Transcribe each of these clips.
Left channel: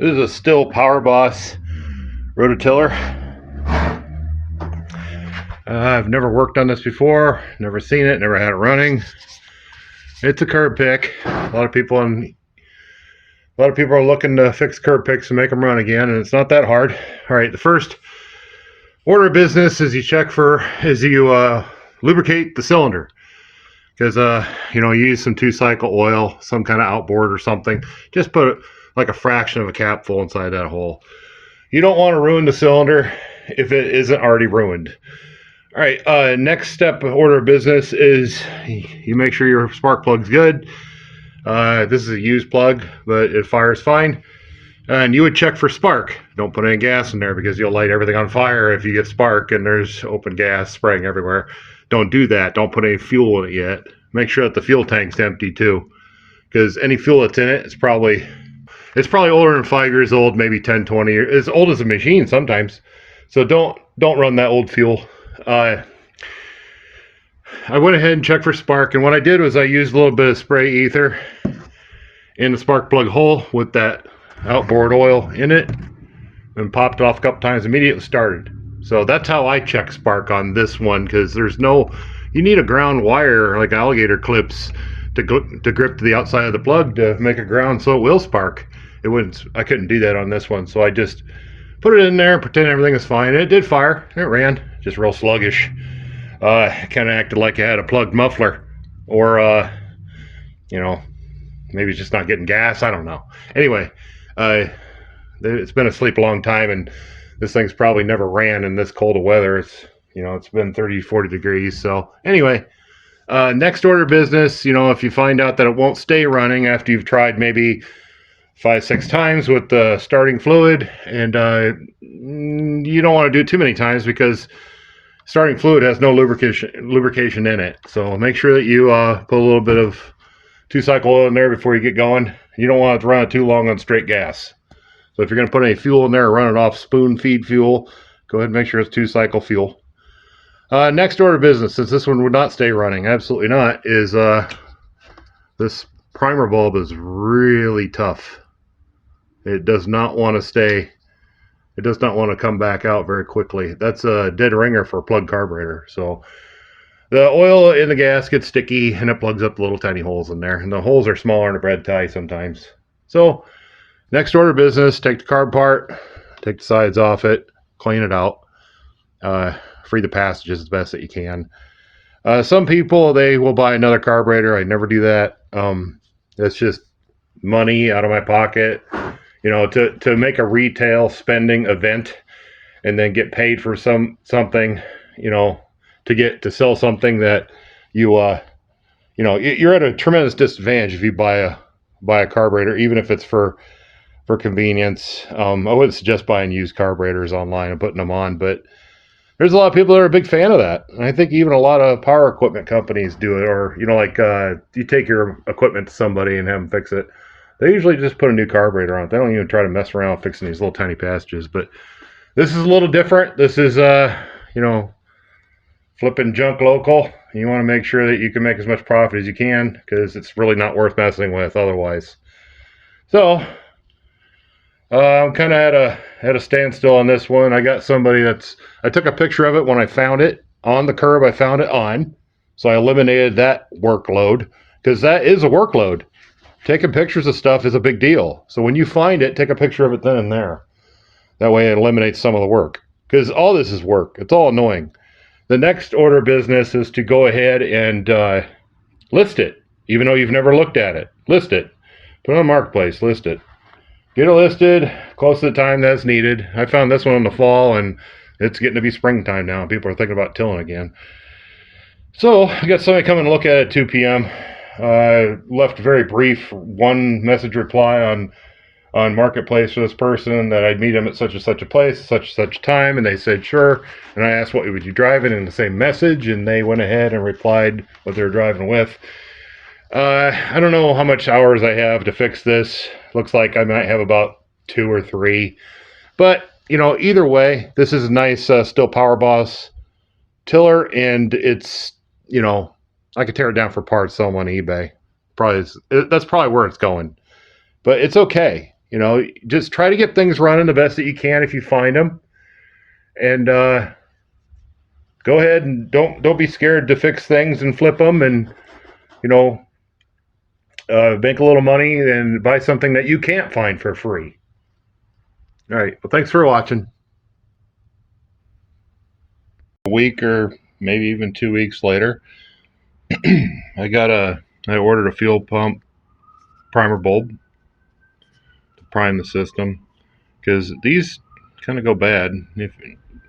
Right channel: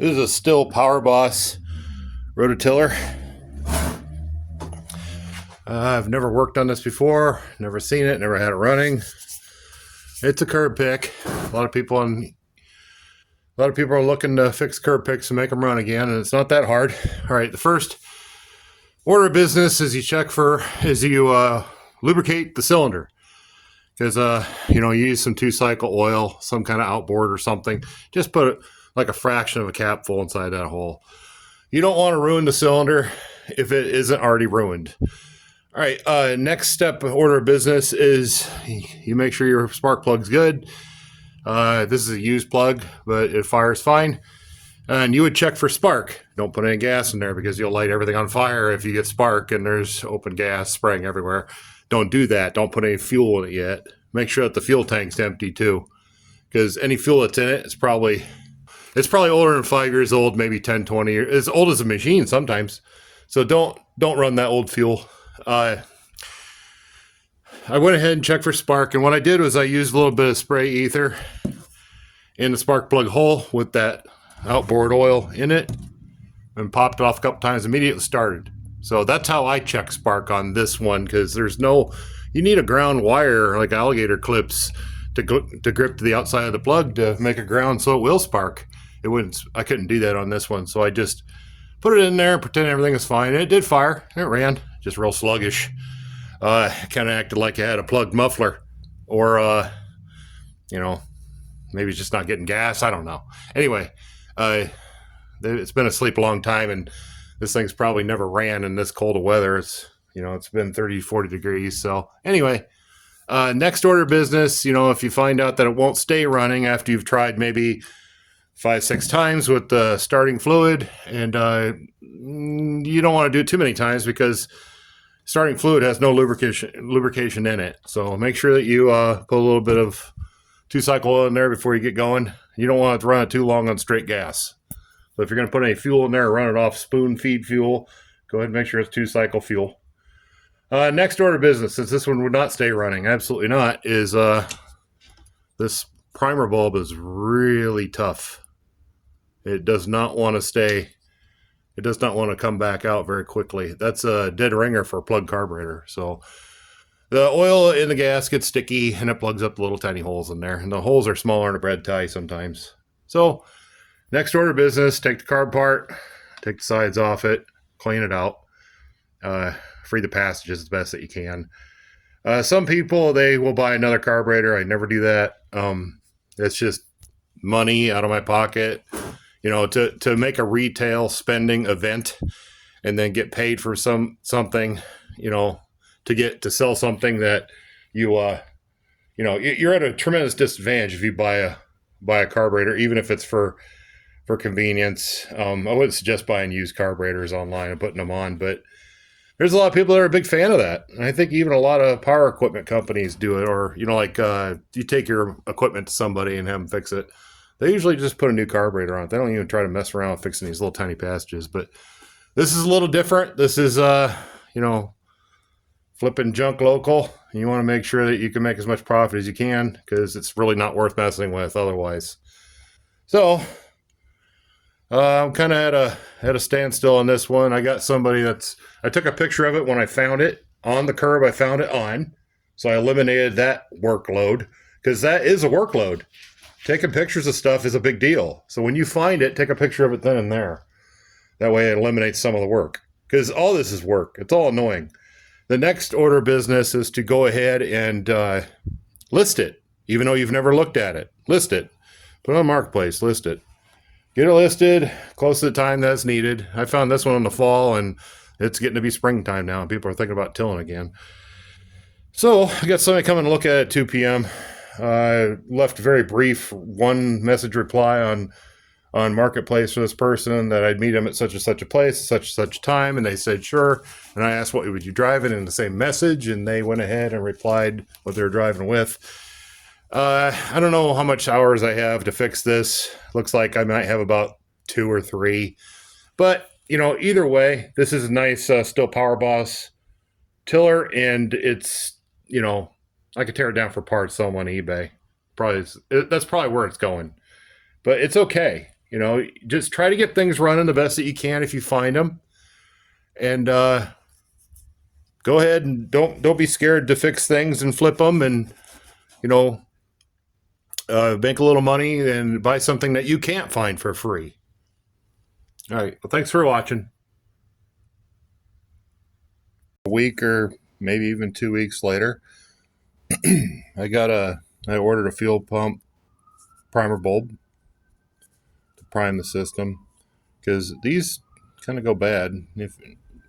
This is a Stihl Power Boss Rototiller. I've never worked on this before, never seen it, never had it running. It's a curb pick. A lot of people are looking to fix curb picks and make them run again, and it's not that hard. All right, the first order of business is you lubricate the cylinder, because you use some 2-cycle oil, some kind of outboard or something. Just put like a fraction of a capful inside that hole. You don't want to ruin the cylinder if it isn't already ruined. All right, next step of order of business is you make sure your spark plug's good. This is a used plug, but it fires fine. And you would check for spark. Don't put any gas in there because you'll light everything on fire if you get spark and there's open gas spraying everywhere. Don't do that. Don't put any fuel in it yet. Make sure that the fuel tank's empty too, because any fuel that's in it, it's probably older than 5 years old, maybe 10, 20 years. As old as a machine sometimes. So don't run that old fuel. I went ahead and checked for spark, and what I did was I used a little bit of spray ether in the spark plug hole with that outboard oil in it and popped it off a couple times. Immediately started. So that's how I check spark on this one, because you need a ground wire like alligator clips to grip to the outside of the plug to make a ground so it will spark. I couldn't do that on this one, so I just put it in there and pretend everything was fine. And it did fire. It ran, just real sluggish. Kind of acted like it had a plugged muffler, or maybe it's just not getting gas. I don't know. Anyway, it's been asleep a long time, and this thing's probably never ran in this cold of weather. It's been 30, 40 degrees. So anyway, next order of business, if you find out that it won't stay running after you've tried maybe 5, 6 times with the starting fluid, and you don't want to do it too many times because starting fluid has no lubrication in it. So make sure that you put a little bit of 2-cycle oil in there before you get going. You don't want it to run it too long on straight gas. So if you're going to put any fuel in there or run it off spoon feed fuel, go ahead and make sure it's 2-cycle fuel. Next order of business, since this one would not stay running, absolutely not, is this primer bulb is really tough. It does not want to stay. It does not want to come back out very quickly. That's a dead ringer for a plug carburetor. So the oil in the gas gets sticky and it plugs up little tiny holes in there. And the holes are smaller than a bread tie sometimes. So next order of business, take the carb apart, take the sides off it, clean it out, free the passages as best that you can. Some people, they will buy another carburetor. I never do that. It's just money out of my pocket. To make a retail spending event and then get paid for something, to sell something that you're at a tremendous disadvantage if you buy a carburetor, even if it's for convenience. I wouldn't suggest buying used carburetors online and putting them on, but there's a lot of people that are a big fan of that. And I think even a lot of power equipment companies do it, or, you take your equipment to somebody and have them fix it. They usually just put a new carburetor on it. They don't even try to mess around fixing these little tiny passages. But this is a little different. This is, flipping junk local. You want to make sure that you can make as much profit as you can, because it's really not worth messing with otherwise. So, I'm kind of at a standstill on this one. I got somebody I took a picture of it when I found it on the curb. I found it on. So I eliminated that workload, because that is a workload. Taking pictures of stuff is a big deal. So when you find it, take a picture of it then and there. That way it eliminates some of the work. Because all this is work. It's all annoying. The next order of business is to go ahead and list it. Even though you've never looked at it. List it. Put it on Marketplace. List it. Get it listed close to the time that's needed. I found this one in the fall, and it's getting to be springtime now. People are thinking about tilling again. So I got somebody coming to look at it at 2 p.m. Left a very brief 1 message reply on Marketplace for this person that I'd meet them at such and such a place, such and such time, and they said sure. And I asked, what would you drive in the same message, and they went ahead and replied what they were driving with. I don't know how much hours I have to fix this. Looks like I might have about 2 or 3, but either way, this is a nice Stihl Power Boss tiller, and it's I could tear it down for parts, sell them on eBay. That's probably where it's going. But it's okay. You know, just try to get things running the best that you can if you find them. And go ahead and don't be scared to fix things and flip them, and you know, make a little money and buy something that you can't find for free. All right. Well, thanks for watching. A week or maybe even 2 weeks later, I ordered a fuel pump primer bulb to prime the system, because these kind of go bad.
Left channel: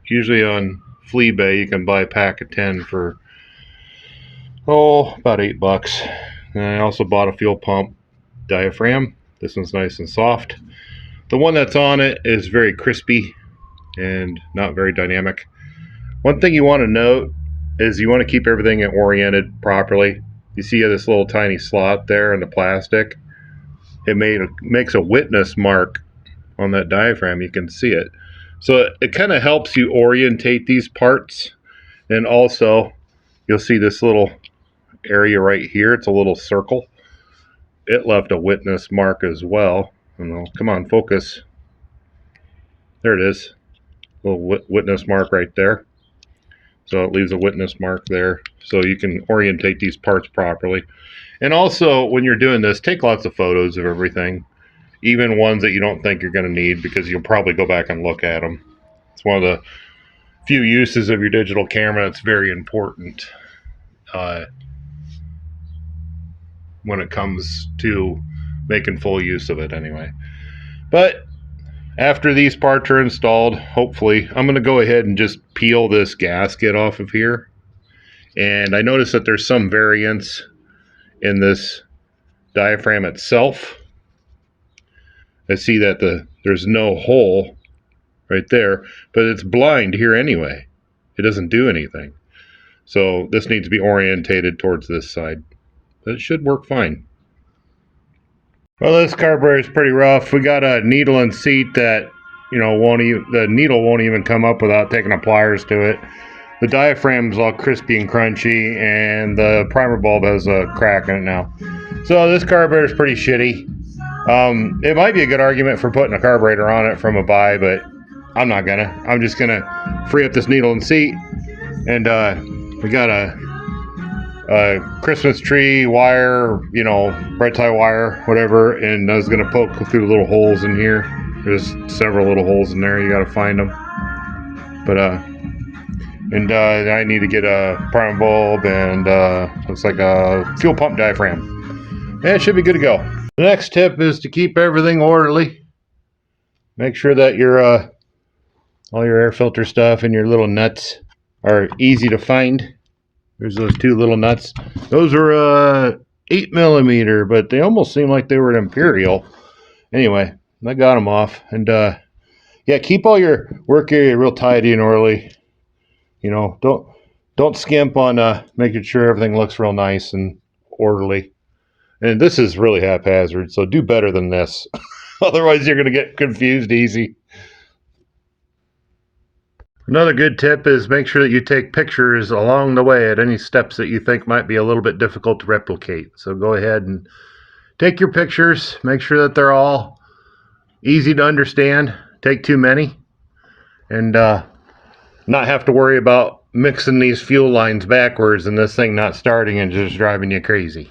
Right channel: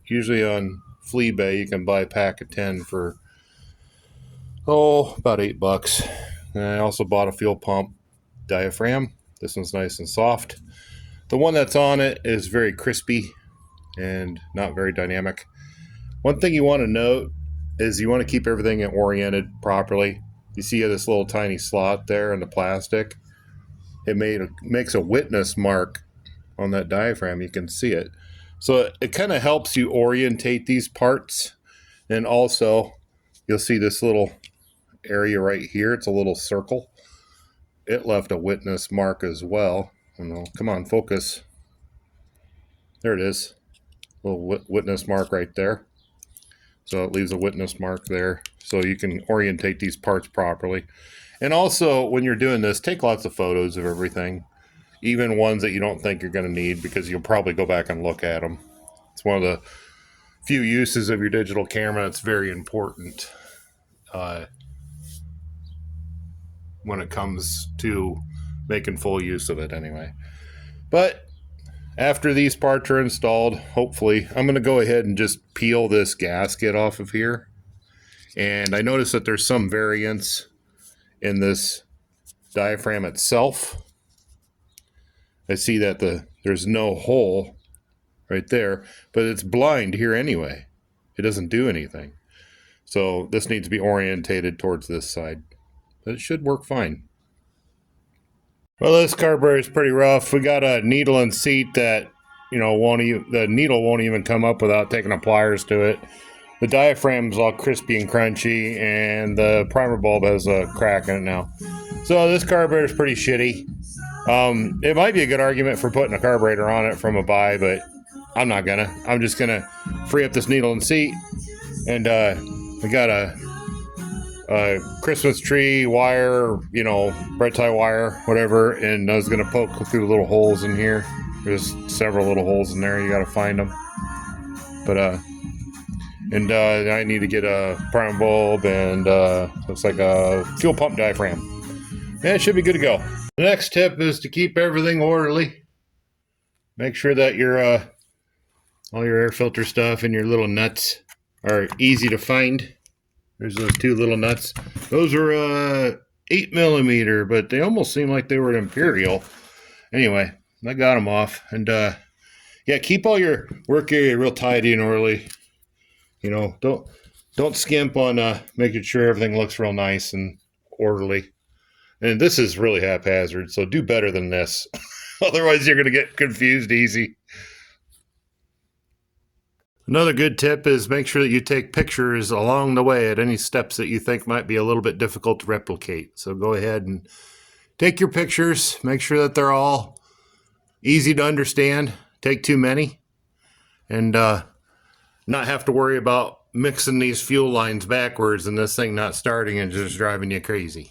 Usually on Fleabay you can buy a pack of 10 for about $8. And I also bought a fuel pump diaphragm. This one's nice and soft. The one that's on it is very crispy and not very dynamic. One thing you want to note is you want to keep everything oriented properly. You see this little tiny slot there in the plastic? It makes a witness mark on that diaphragm. You can see it. So it kind of helps you orientate these parts. And also, you'll see this little area right here. It's a little circle. It left a witness mark as well. I don't know. Come on, focus. There it is. A little witness mark right there. So it leaves a witness mark there, so you can orientate these parts properly. And also, when you're doing this, take lots of photos of everything, even ones that you don't think you're going to need, because you'll probably go back and look at them. It's one of the few uses of your digital camera that's very important when it comes to making full use of it anyway. But after these parts are installed, hopefully, I'm going to go ahead and just peel this gasket off of here. And I noticed that there's some variance in this diaphragm itself. I see that there's no hole right there, but it's blind here anyway. It doesn't do anything. So this needs to be orientated towards this side. But it should work fine. Well, this carburetor is pretty rough. We got a needle and seat that, you know, the needle won't even come up without taking a pliers to it. The diaphragm's all crispy and crunchy, and the primer bulb has a crack in it now. So this carburetor is pretty shitty. It might be a good argument for putting a carburetor on it from a buy, but I'm not gonna. I'm just gonna free up this needle and seat, and we got a Christmas tree wire, you know, red tie wire, whatever, and I was gonna poke through little holes in here. There's several little holes in there. You gotta find them. But I need to get a primer bulb and looks like a fuel pump diaphragm. And it should be good to go. The next tip is to keep everything orderly. Make sure that your all your air filter stuff and your little nuts are easy to find. There's those two little nuts. Those are 8mm, but they almost seem like they were an Imperial. Anyway, I got them off. And yeah, keep all your work area real tidy and orderly. You know, don't skimp on making sure everything looks real nice and orderly. And this is really haphazard, so do better than this. Otherwise, you're going to get confused easy. Another good tip is make sure that you take pictures along the way at any steps that you think might be a little bit difficult to replicate. So go ahead and take your pictures. Make sure that they're all easy to understand. Take too many. And not have to worry about mixing these fuel lines backwards and this thing not starting and just driving you crazy.